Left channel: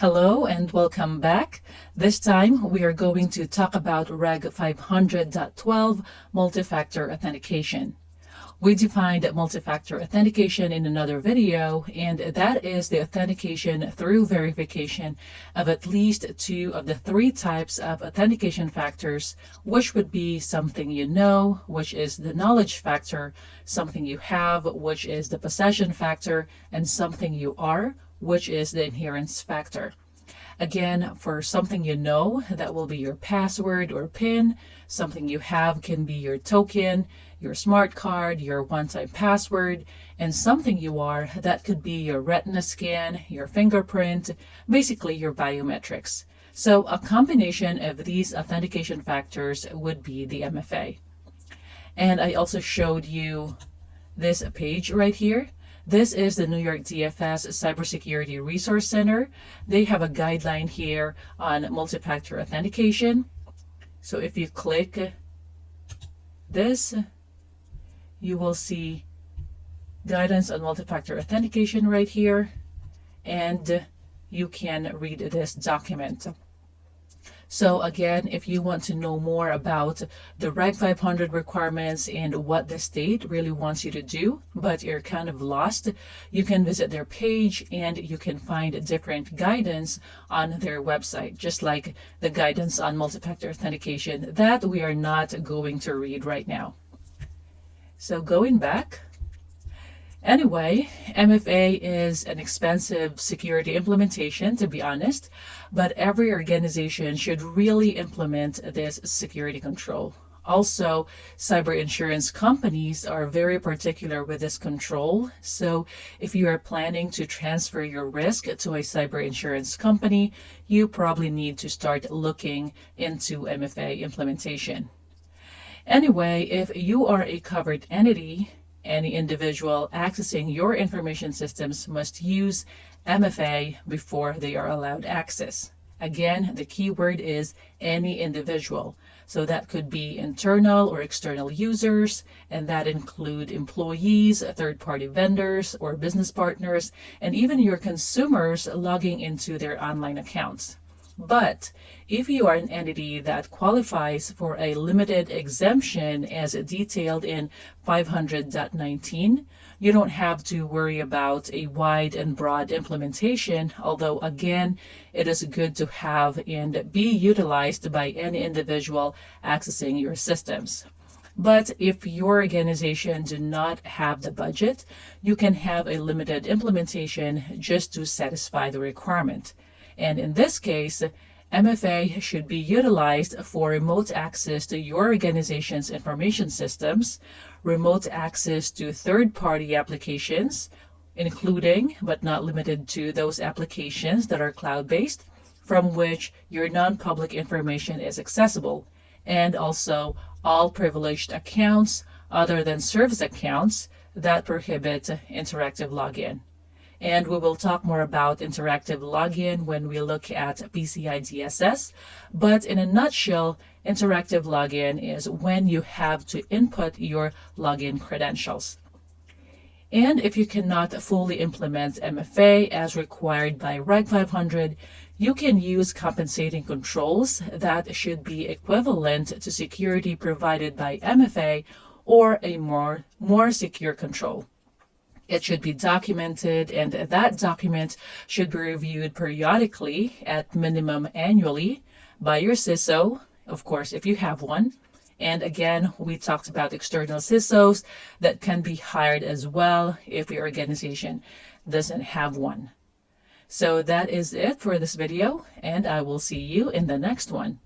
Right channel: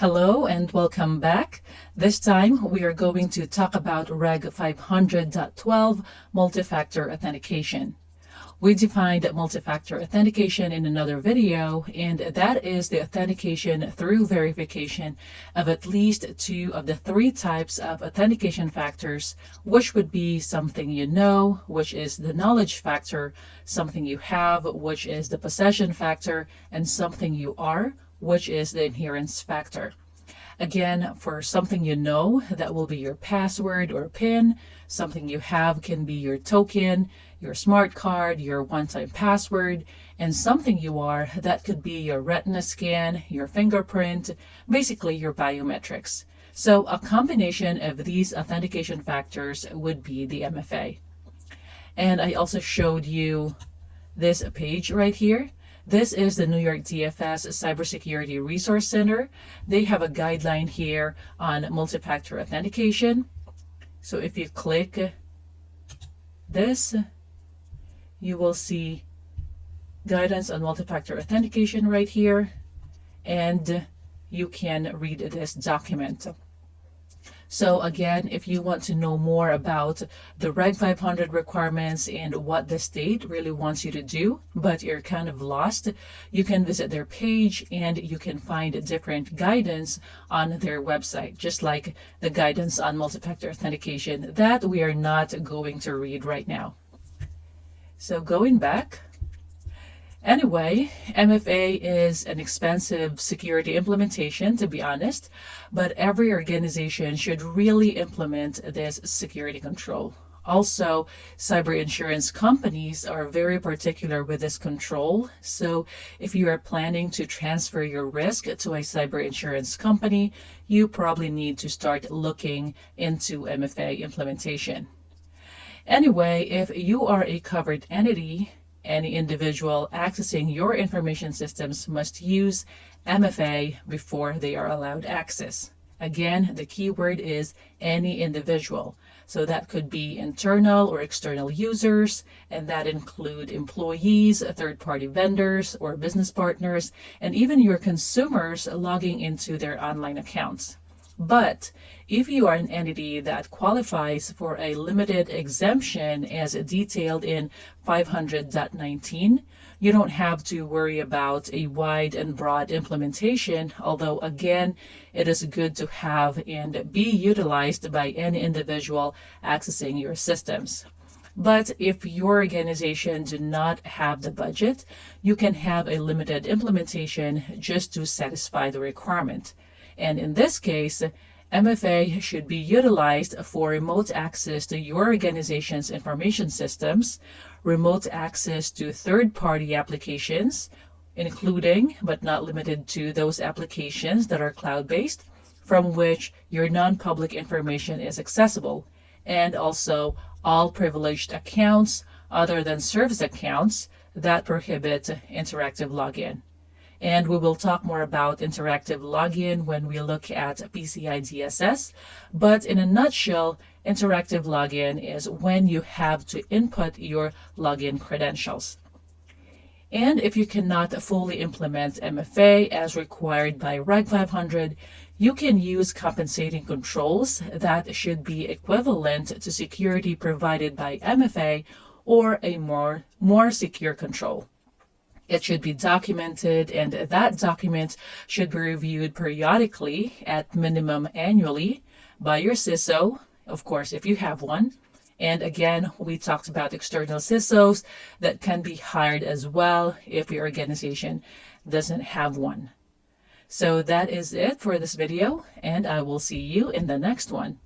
Hello and welcome back. This time we are going to talk about Reg500.12 multi-factor authentication. We defined multi-factor authentication in another video, and that is the authentication through verification of at least two of the three types of authentication factors, which would be something you know, which is the knowledge factor, something you have, which is the possession factor, and something you are, which is the adherence factor. Again, for something you know, that will be your password or PIN. Something you have can be your token, your smart card, your one-time password, and something you are, that could be your retina scan, your fingerprint, basically your biometrics. So a combination of these authentication factors would be the MFA. And I also showed you this page right here. This is the New York DFS Cybersecurity Resource Center. They have a guideline here on multi-factor authentication. So if you click this, you will see guidance on multi-factor authentication right here, and you can read this document. So again, if you want to know more about the Reg 500 requirements and what the state really wants you to do, but you're kind of lost, you can visit their page and you can find different guidance on their website, just like the guidance on multi-factor authentication that we are not going to read right now. So going back, anyway, MFA is an expensive security implementation, to be honest, but every organization should really implement this security control. Also, cyber insurance companies are very particular with this control. So if you are planning to transfer your risk to a cyber insurance company, you probably need to start looking into MFA implementation. Anyway, if you are a covered entity, any individual accessing your information systems must use MFA before they are allowed access. Again, the key word is any individual. So that could be internal or external users, and that include employees, third-party vendors or business partners, and even your consumers logging into their online accounts. But if you are an entity that qualifies for a limited exemption as detailed in 500.19, you don't have to worry about a wide and broad implementation, although again, it is good to have and be utilized by any individual accessing your systems. But if your organization do not have the budget, you can have a limited implementation just to satisfy the requirement. And in this case, MFA should be utilized for remote access to your organization's information systems, remote access to third-party applications, including but not limited to those applications that are cloud-based, from which your non-public information is accessible, and also all privileged accounts other than service accounts that prohibit interactive login. And we will talk more about interactive login when we look at PCI DSS. But in a nutshell, interactive login is when you have to input your login credentials. And if you cannot fully implement MFA as required by Reg 500, you can use compensating controls that should be equivalent to security provided by MFA or a more secure control. It should be documented, and that document should be reviewed periodically, at minimum annually, by your CISO, of course, if you have one. And again, we talked about external CISOs that can be hired as well if your organization doesn't have one. So that is it for this video, and I will see you in the next one.